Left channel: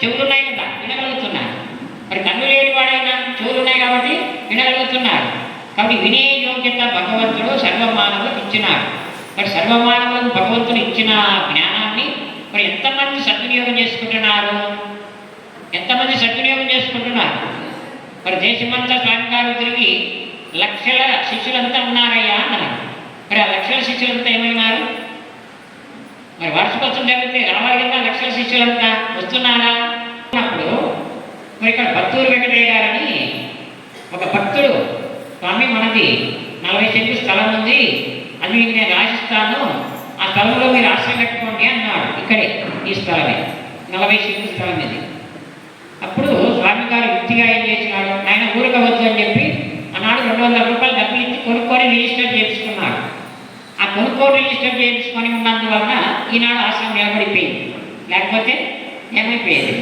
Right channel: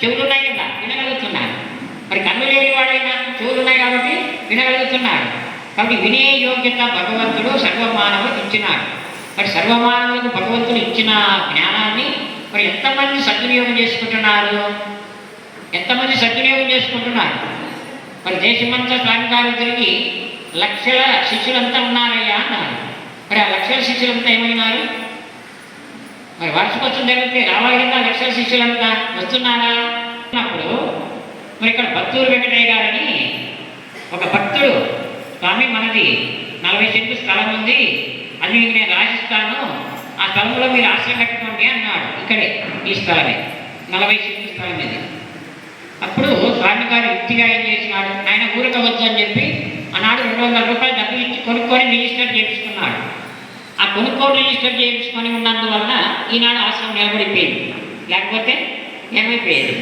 చెవులున్నాయి కదా వినగలుగుతున్నాడు మరి కన్ను లేని వాడైనా చెవులున్నాయి కాబట్టి వినగలుగుతున్నాడు కాబట్టి వినే యోగ్యత భగవంతుడు సర్వమానవులకు ఇచ్చినాడు. మరి సర్వమానవులకు భగవంతుడు ఇచ్చిన జ్ఞానాన్ని మరి ఎంతమంది సద్వినియోగం చేసుకుంటున్నారు? ఎంతమంది సద్వినియోగం చేసుకుంటున్నారు? మరి దేశమంతా స్వామిగారు తిరిగి లక్షల శిష్యులంతా ఉన్నారయ్యా అన్నారు. మరి ఆ లక్షల శిష్యులంతా ఏమైనారు? మరి వార్షికోత్సవం జరిగితే రావాలిగా లక్షల శిష్యులంతా వస్తున్నారా? అప్పుడు మరి ఇక్కడ భక్తూరు వెంకటయ్య గారని ఒక భక్తుడు స్వామి మనది నలభై సెంట్లు స్థలం ఉంది. అది మీకు నేను రాసిస్తాను. ఆ స్థలంలో మీరు ఆశ్రయం కట్టుకోండి అన్నాడు. ఇక్కడే ఈ స్థలమే. నలభై సెంట్లు స్థలం ఇది. అప్పుడు స్వామి గారు వృత్తిగా ఏం చేసినాడు? ఆయన ఊరక వద్దు అని చెప్పి ఆనాడు రెండు వందల రూపాయలు డబ్బులు ఇచ్చి కొనుక్కొని రిజిస్టర్ చేయించుకున్నాడు. ఆ రిజిస్టర్ చేయించుకొని ఉన్నందువలన ఈనాడు ఆశ్రమం ఏమైపోయింది లేకపోతే ఏమైపోయేది?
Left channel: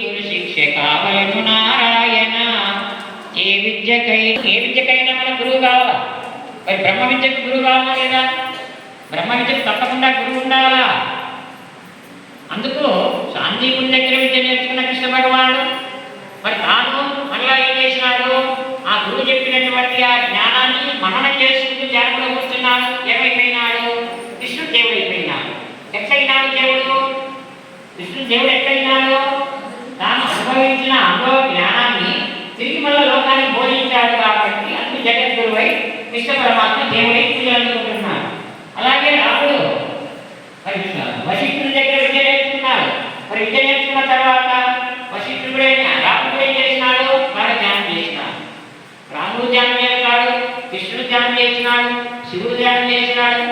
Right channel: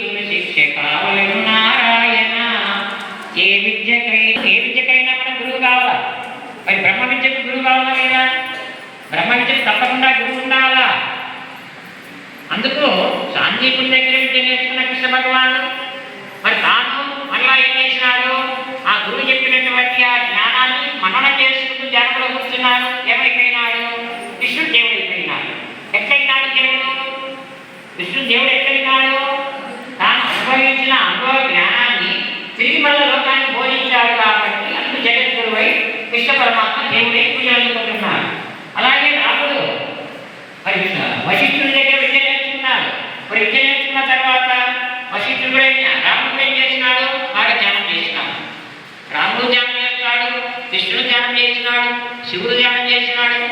గురు శిక్ష నారాయణ. ఏ విద్యకై ఏ విద్యకైనా మనం గురువు కావాలా? మరి బ్రహ్మ విద్యకు గురువు కావాలా లేదా? బ్రహ్మ విద్యకు తప్పకుండా గురువు ఉండాలా అందుకు శాంతిపురి దగ్గర విద్య నేర్చుకున్న కృష్ణ భగవానుడు మరి తాను మళ్ళా ఏం చేసినాడు ఆ గురువు చెప్పినటువంటి ఆ జ్ఞానాన్ని మననం చేసుకుంటూ ధ్యానంలో కూర్చున్నాడు ఏమైపోయినాడు కృష్ణుడు దేవుడు అయిపోయినాడు ఎట్లయినాడు దేవుడు కృష్ణుడు దేవుడు ఎట్లయినాడు తాను సంబంధించిన అనుభవ జ్ఞానాన్ని తిరిగి మళ్ళీ లోకాన్ని బోధించాడు కాబట్టి అందుకు జగద్గురువై కృష్ణ పరమాత్మ దేవుడై పూజాలనుకుంటున్నారు అలాగే రాముడు మరి వశిష్ఠుడి దగ్గర విద్య నేర్చుకున్నాడు. మరి విద్య నేర్చుకున్న తర్వాత వశిష్ఠుడు రాముడు ఏం చేసినాడు బాగా ధ్యానం చేసినాడు రాముడు ధ్యానం చేస్తాడు కృష్ణుడు ధ్యానం చేసినాడు శివుడు ధ్యానం చేసినాడు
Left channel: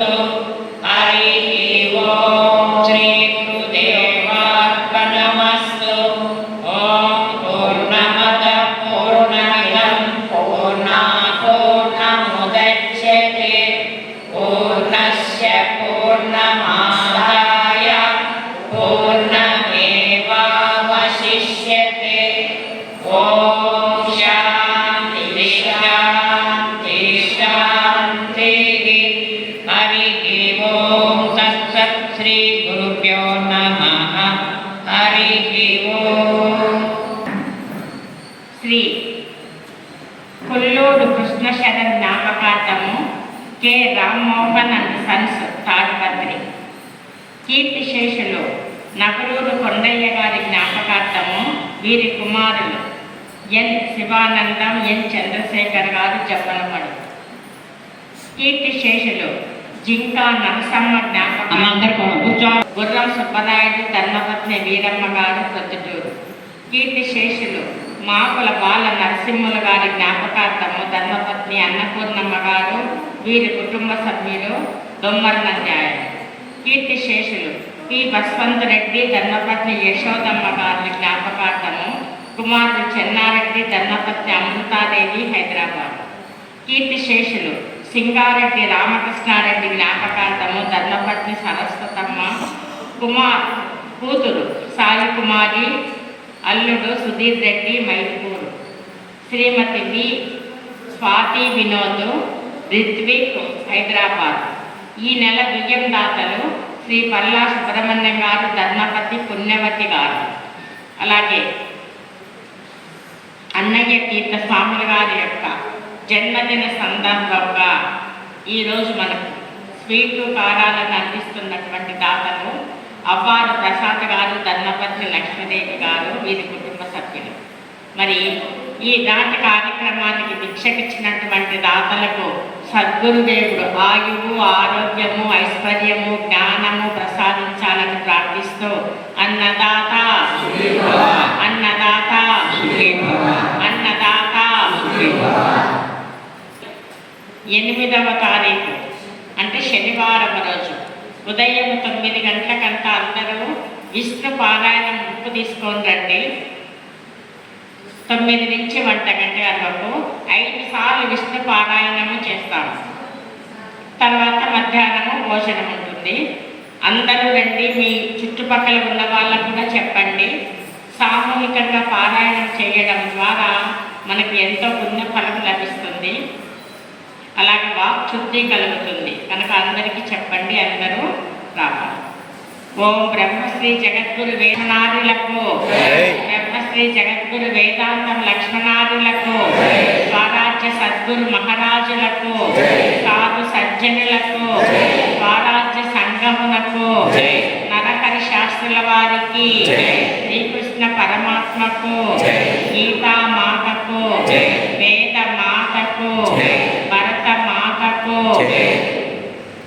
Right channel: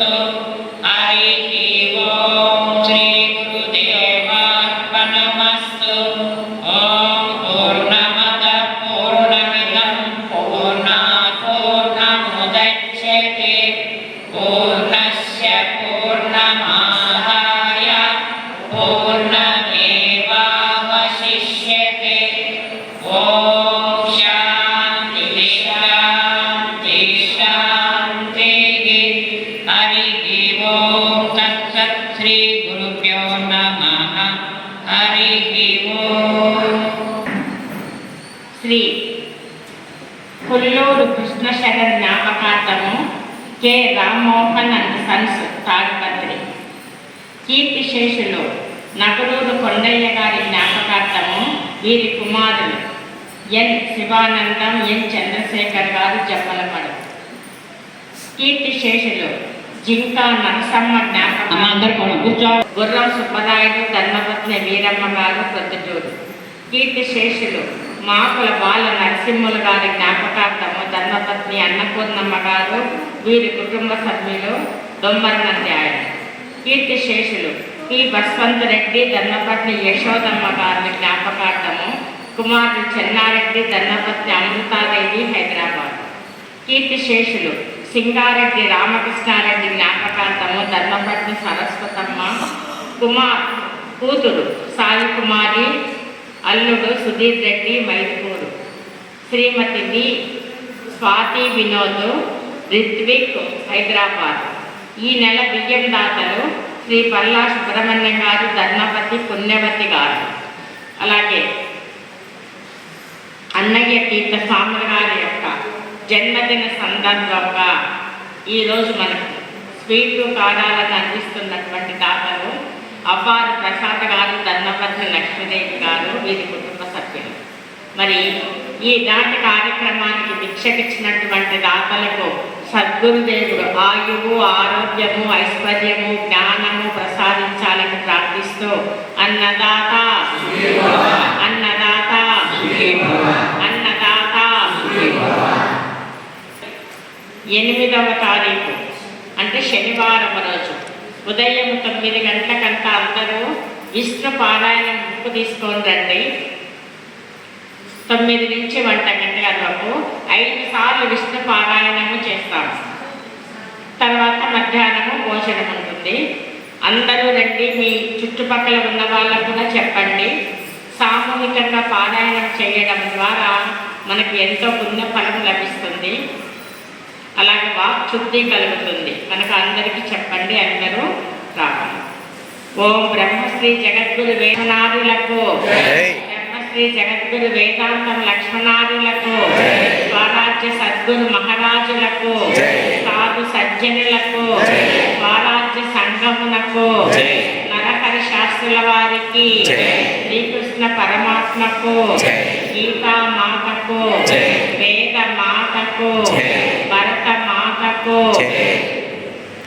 Então, aí Shri Kolluru Krishna Sharan జ్ఞాపకార్థము K. Rammohan and sons Tadipatri. కీర్తిశేషులు నగరూరు కొండయ్య గారి జ్ఞాపకార్థము వీరి కుమారులు ఎన్. శివానందం ఎన్. చంద్రశేఖర్ గారు జబ్బలపడు కీర్తిశేషులు జింక నరసమ్మ జ్ఞాపకం అందరు మనం కూర్చో గుర్రం సుబ్బరాయుడు ధర్మపత్ని వీరమ్మ గారు ప్రొద్దుటూరు కీర్తి శేషులు మాకుల బాల నరసింహుల గారి జ్ఞాపకార్థము ధర్మపత్ని అన్నపూర్ణమ్మ గారు వీరి కుటుంబ సభ్యులు దొమ్మరనంద్యాయుడు కీర్తి శేషులు ఈ బస్వంత్ రెడ్డి ధర్మపత్ని యశోదమ్మ గారి జ్ఞాపకార్థము కుమారుడు చెన్నారెడ్డి ధర్మపత్ని అమృతాదేవి హైదరాబాద్. కీర్తి శేషులు సింగారెడ్డి రామకృష్ణారెడ్డి జ్ఞాపకార్థము ధర్మపత్ని సరస్వతమ్మ కుమార్ కూతురు సాయి కుమారి అల్లుడు సుధీర్ రెడ్డి మైపూరు శ్రీమతి వి స్వాతి వినోద్ రిత్విక్ హైదరాబాద్. ఈ నెల బియ్యం దాతలు శ్రీ పల్లా సుబ్రహ్మణ్యం గారు ధర్మపతి పుణ్యవతి గారు. అలాగే అన్నయ్య తీర్థ స్వాముల గారి యొక్క జన్మదిన సందర్భంగా ఈరోజు మనకు స్వీట్లు కారాలను అందిస్తున్నటువంటి దాతలు అవ్వారు ప్రసాద్ గారు ధర్మపత్ని లక్ష్మీదేవి గారు వీరి కుటుంబ సభ్యులు. మరి ఈ దాత కార్యక్రమానికి భిక్షకిచ్చినటువంటి దాతలకు సద్గురుదేవుడు ఆయువు ఆరోగ్యము ఐశ్వర్యము జ్ఞానము ప్రసాదించాలని ప్రార్థిస్తూ అన్నదాత అన్నదాత అన్నదాత ఎనిమిదవ తారీఖు అంటే శనివారం రోజు. ఉదయం తొమ్మిది గంటలకంతా అందరూ విష్ణు పారాయణం బుక్ తీసుకొని రండి. తొమ్మిది నుంచి వంట గంటల వరకు ఐదు సార్లు విష్ణు పారాయణము చేస్తాము. తర్వాత మధ్యాహ్నము భోజనం ఉంటుంది. అందరూ రండి మీ చుట్టుపక్కల ఉన్న వాళ్ళకు కూడా చెప్పండి. సామూహికంగా పారాయణం చేయడం ద్వారా మనకి ఎంతో పుణ్య ఫలం లభిస్తుంది. అలాగే వాక్ శుద్ధి కలుగుతుంది కనుక అందరికీ చెప్పండి అందరూ రావాలి ఓం బ్రహ్మశ్రీ జగద్గురు వేదనాథులకు జై. బ్రహ్మశ్రీ జగద్గురు వేదాంతం లక్ష్మణాదులకు స్వరాజ్య సద్గురు మహారాజులకు. సాధు సజ్జనులకు. స్వరాజ్య సంగమునకు జై. నరహరి శాస్త్రుల వారికి. శ్రీకృష్ణ పరమాత్మకు జై. గీతా మాతకు జై. వేద మాతకు జై. భరత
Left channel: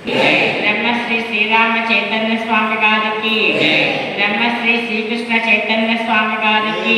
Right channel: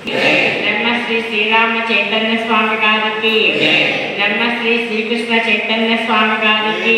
మాతకు జై. బ్రహ్మశ్రీ శ్రీరామ చైతన్య స్వామి గారికి బ్రహ్మశ్రీ శ్రీకృష్ణ చైతన్య స్వామి గారికి